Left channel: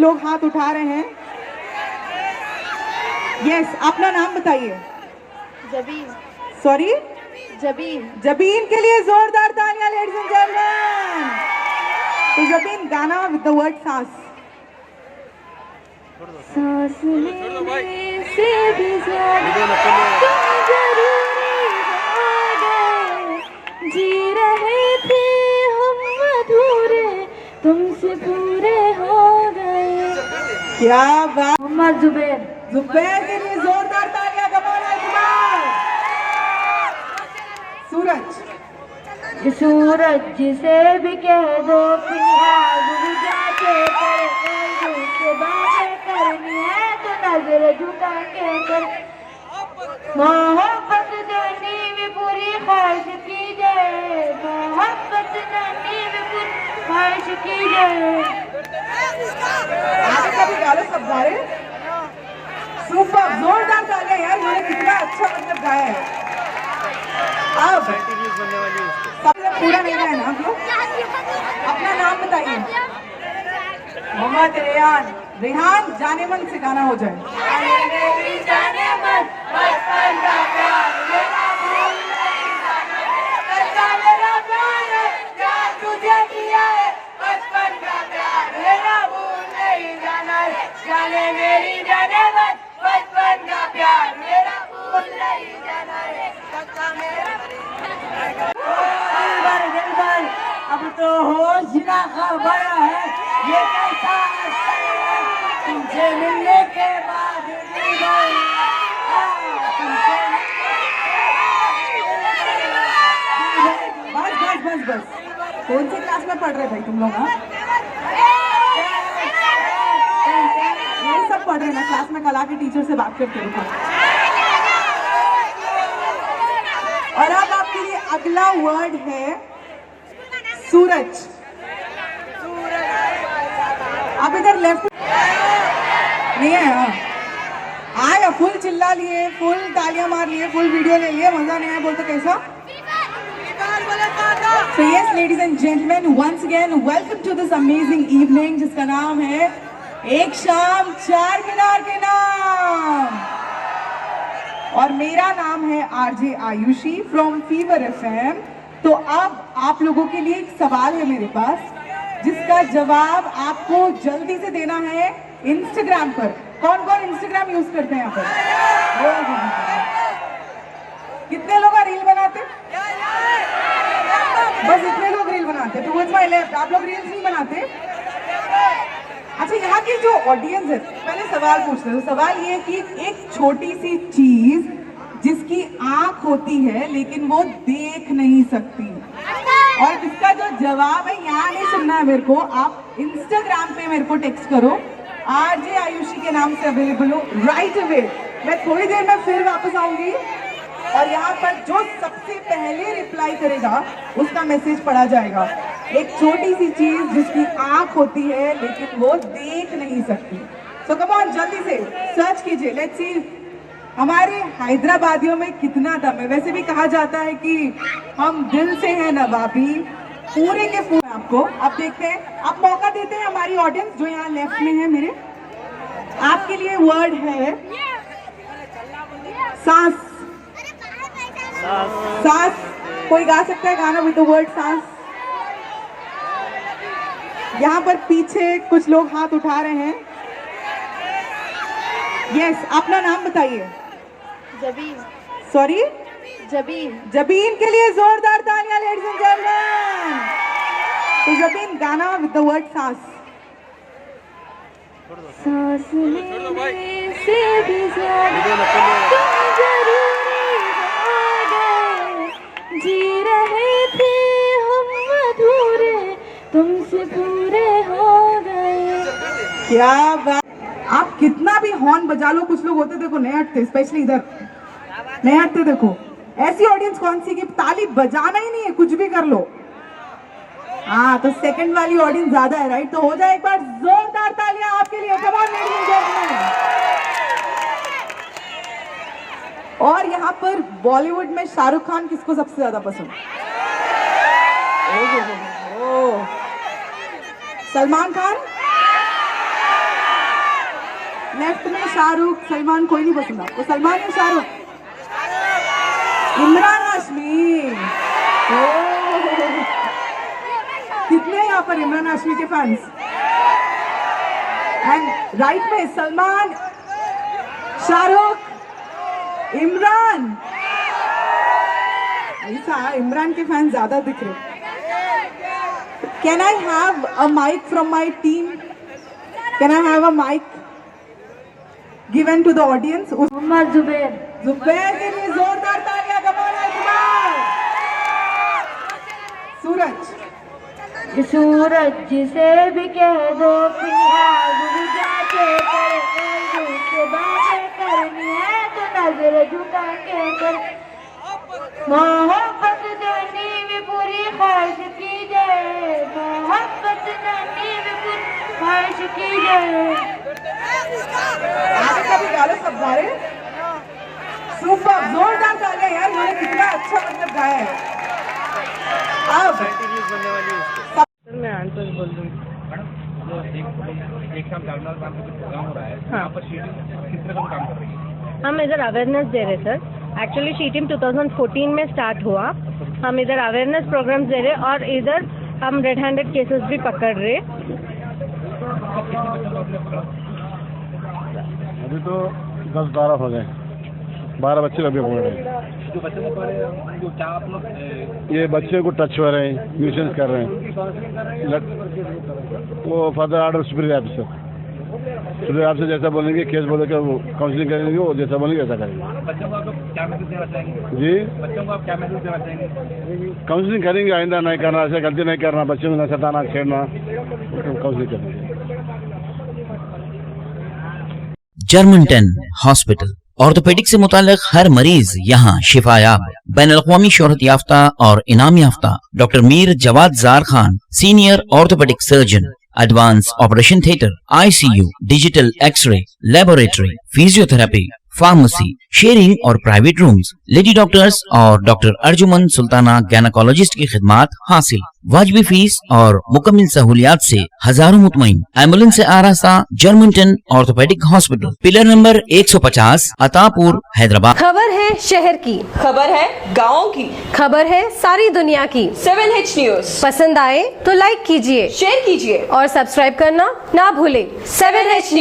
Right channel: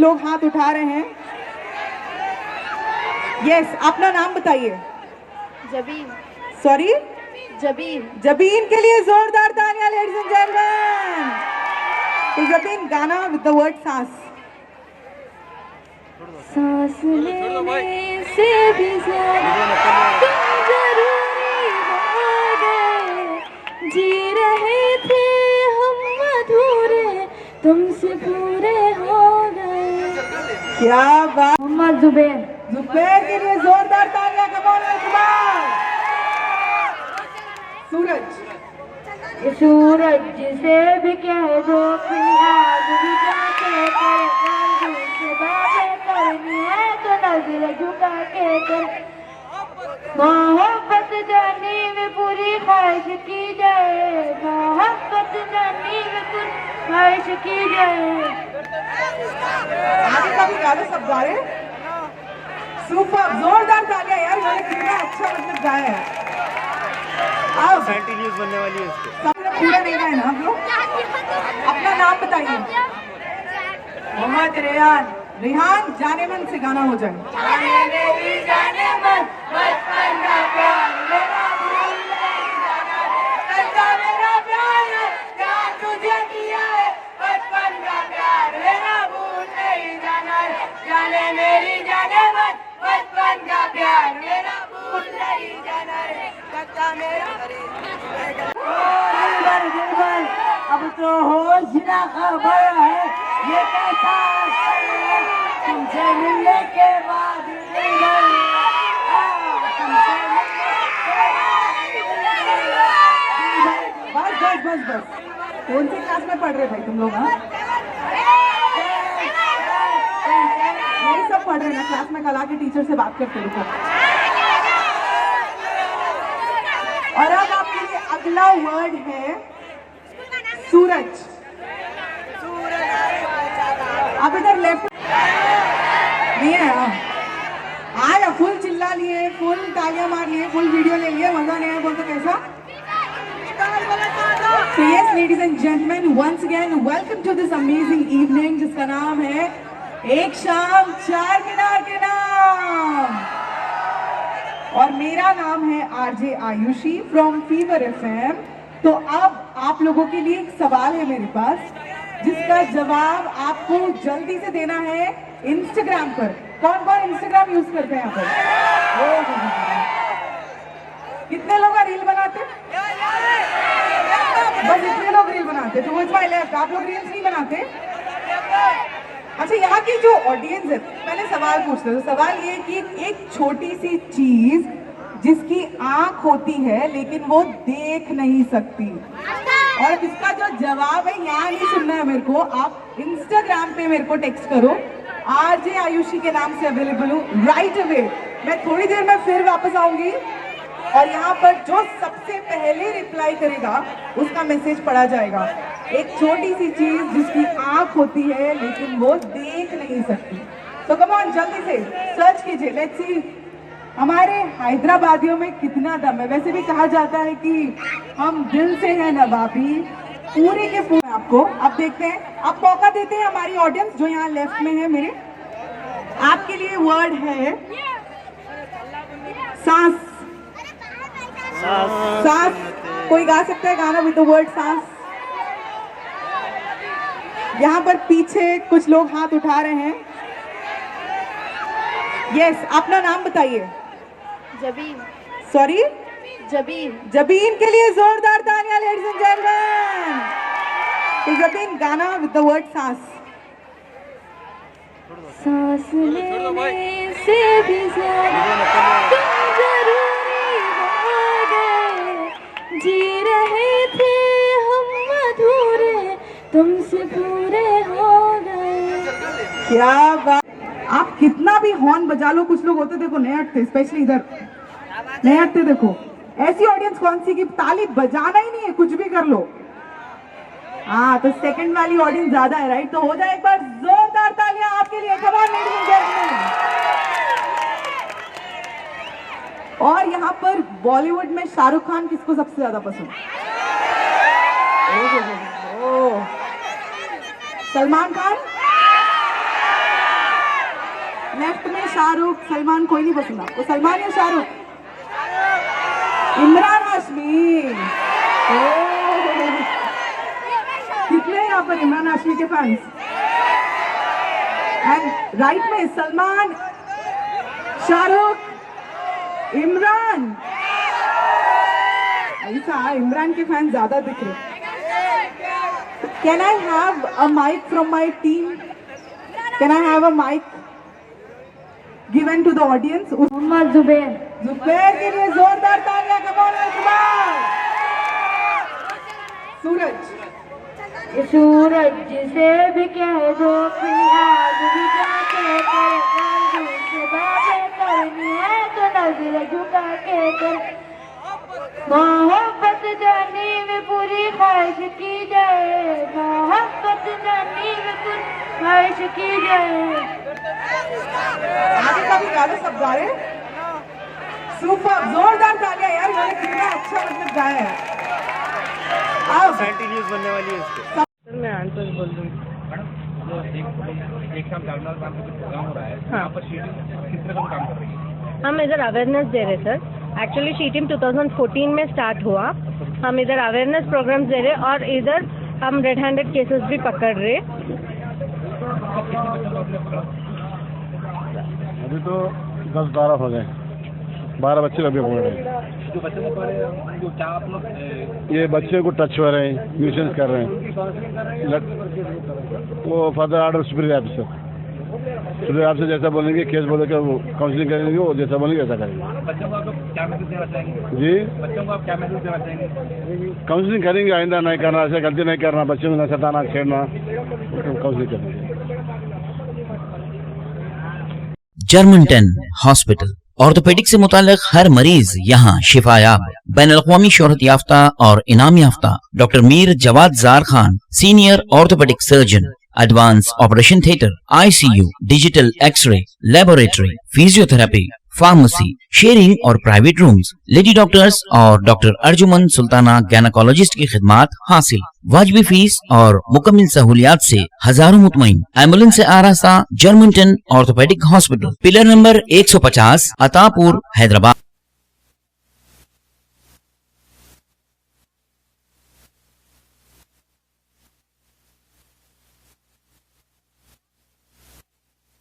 लोग हाथ उठा रहे हैं। यस, अपना नाम बताइए। जबीन। सॉरी, जबीन। जबीन के लिए जोरदार तालियां लेडीज एंड जेंटलमैन। तो जबीन, गाना विद द वर्ड सांस। सांस लेने से भी ज्यादा जरूरी हो गए, जी रहे थे हम अधूरे, तुमसे पूरे हो गए। क्या बात। मोहम्मद जुबैर। जुबैर के लिए जोरदार तालियां। कमाल जुबैर। सूरज। ये सूरज जिसे भी कह दो, कि आग भी जाके कर, से बातें करनी है तो नजर झुका के कर। मोहब्बत जानी में पूरी ख्वाहिश की जाए, मोहब्बत जानी में पूरी ख्वाहिश की जाए। आगे का भी गा लो सब गाए। सुपर, जोरदार तालियां यार, मैंने कितना अच्छा मतलब गाया है। अब कंटिन्यूस बनने वाली है उसको। सबसे पूरा नहीं रहे ना आप लोग। अपना नाम बताइए। मोहम्मद रेहान। रेहान, जाने मन से गाना हो जाए। जाने मन बचपन का प्यार मेरा भूल नहीं जाना है, सच्चा मेरा प्यार है, यार तुझे किया है, बचपन का प्यार मेरा भूल नहीं जाना है, जाने मेरी जाने मन बचपन का प्यार मेरा भूल नहीं जाना है, सच्चा मेरा। अब तो होश ना खबर है, ये कैसा तुमसे मिलने के बाद बस बस बस बस। कौन सी क्लास में पढ़ रहे भाई तुम लोग? हाँ, ये सब पढ़ रहे ना क्लास में। कल आके टीचर से बात करते रुको। और अब आपके लिए अगला वर्ड है सूरज। आप इधर लेफ्ट नहीं है। आया फुल चिल्ला लिए, फुल तालियां मार लिए, फुल वीडियो ले लिए, मजा नहीं आया बोलते कैसा? So yes, ladies and gentlemen, once again welcome to this amazing evening जिसका नाम है एक शाम चार मीनार के नाम। और मेरा नाम है RJ Ayushi from fever FM. तो अब आप लोगों के लिए एक सवाल है मेरे पास, जिसका जवाब आपको जल्दी से देना है इंस्टाग्राम पर। कौन कौन इंस्टाग्राम यूज करते हैं यहाँ पर? कितने लोग रील बनाते? बस इतने लोग रील बनाते। तो माय लेफ्ट, आप लोग रील्स नहीं बनाते? अच्छा, यहाँ की जो ऑडियंस है, मैंने सवाल पूछते। तो सवाल ये है कि एक छोटी सी चीज जिसकी आंख होती है लेकिन वो देख नहीं सकती, और इसका जो जवाब है यहाँ नहीं सुनना है मेरे को, आप इंस्टाग्राम पे मेरे को टेक्स्ट करो। आरजे आयुषी के नाम से अवेलेबल हो राइट अवे। मैं थोड़ी देर में फिर वापस आऊंगी और यहाँ पर जो सबसे पहले रिप्लाई करेगा उसका मैसेज पढ़ा जाएगा। एक छोटी सी चीज जिसकी आंख होती है लेकिन वो देख नहीं सकती। तो कम ऑन, जल्दी से सर्च कीजिए। लेट्स सी हमारे हैदराबादियों में कितना दम है। वैसे भी कहा जाता है कि हम दिल से हैं नवाबी, पूरे के पूरे। आपको आप देखते हैं, आप मौका देते हैं हमारी ऑडियंस जो यहाँ लेफ्ट में है मेरे। आपके लिए वर्ड है सांस। सांस। कोई गा सकता है गाना विद द वर्ड सांस? यहाँ पर पीछे कुछ लोग हाथ उठा रहे हैं। यस, अपना नाम बताइए। जबीन। सॉरी, जबीन। जबीन के लिए जोरदार तालियां लेडीज एंड जेंटलमैन। तो जबीन, गाना विद द वर्ड सांस। सांस लेने से भी ज्यादा जरूरी हो गए, जी रहे थे हम अधूरे, तुमसे पूरे हो गए। क्या बात। आप कितना भी हॉर्न बजा लो, कुछ लोग होते देखो नहीं हटते, स्पेशली इधर नहीं हटते। देखो ऐसी ऑडियंस कौन सी कि ताली बजाना ही नहीं है, कुछ भी कर लो। हाँ, तो सेकंड वाली ऑडियंस ज्यादा है, राइट? तो हो जाए एक बार जोरदार तालियां आपके लिए। Come on ladies and gentleman. और यहाँ पर बॉलीवुड में शाहरुख खान किसको सबसे ज्यादा पसंद? सलमान खान। लेफ्ट में शाहरुख, सलमान, कोई नहीं पसंद आपको? सलमान या शाहरुख? इमरान हाशमी। कितने हैं यहाँ पर इमरान हाशमी के फैंस? एंड राइट में सलमान, शाहरुख, इमरान। ऐसा इमरान के फैंस ज्यादा दिख रहे। Can I have a mic from my team? Can I have a mic given to the audience? Mohammed Zubair. Zubair के लिए जोरदार तालियां। कमाल जुबैर। सूरज। ये सूरज जिसे भी कह दो अपनी आग भी जाके कर, से बातें करनी है तो नजर झुका के कर। मोहब्बत जानी में पूरी ख्वाहिश की जाए, मोहब्बत जानी में पूरी ख्वाहिश की जाए। आगे का भी गाना सब गा रहे। सुपर, जोरदार तालियां यार। मैंने कितना अच्छा मतलब गाया है। अब मैं आंसर बोल दूँ। एक साथ जागरण नाम का प्रोग्राम हो रहा है, यहाँ पर शीटिंग किस तरह का काम कर रही है? हम इधर अवेयरनेस दे रहे सर। एक्चुअली शी टीम 2014 में स्टार्ट हुआ। हम इधर अवेयरनेस प्रोग्राम्स दे रहे और इधर हम रेड हैंडेड केसेस भी पकड़ रहे। अभी तो 10-12 हो गए, 12 बच्चे अभी पकड़ रहे हैं। जो बच्चे को पढ़े जो क्या आप लोग ये बच्चे को टच हो रहे हैं, न्यूसेंस कर रहे हैं। वो फर्दर आर्डर सुप्रीम ऑफिसर जैसा बोलेंगे, केस बोलेंगे, वो काउंसलिंग करेंगे, वो जैसा बोलेंगे वैसा करेंगे। बच्चों को आप लोग क्या मैसेज देना चाहेंगे? जी, बच्चों को आप क्या मैसेज देना चाहेंगे? काउंसलिंग करेंगे, आइंदा नहीं करना, ऐसे गलती नहीं करना, बच्चों को न सताना, छेड़ना, काउंसलिंग करेंगे। जर्मनटन हॉस्पिटल ऑर्थोपेडिक से मुताल्लिक हर मरीज यहाँ शिफायाब। बैनुल-अक़वामी शोहरत याफ्ता और इनाम याफ्ता doctor Mir Jawad Jar Khan, senior orthopaedic surgeon, advance operation theatre, ICU, digital X-ray, laboratory, physiotherapy, pharmacy, sharing और प्राइवेट रूम्स, लेडी डॉक्टर्स और डॉक्टर अर्जुमन सुल्ताना गायनेकोलॉजिस्ट की खिदमात हासिल। वाजबी फीस और मुकम्मल सहूलियात से हजारों मुतमईन। एम्बुलेंस से आरास्ता Germanton orthopaedic hospital, pillar number 150, Attapur, Hyderabad. खबर है शहर की, खबर है गाँव की, खबर है सारी दुनिया की। 7H न्यूज पसंद आए तो लाइक कीजिए, शेयर कीजिए और सब्सक्राइब करना ना भूले। 7H news.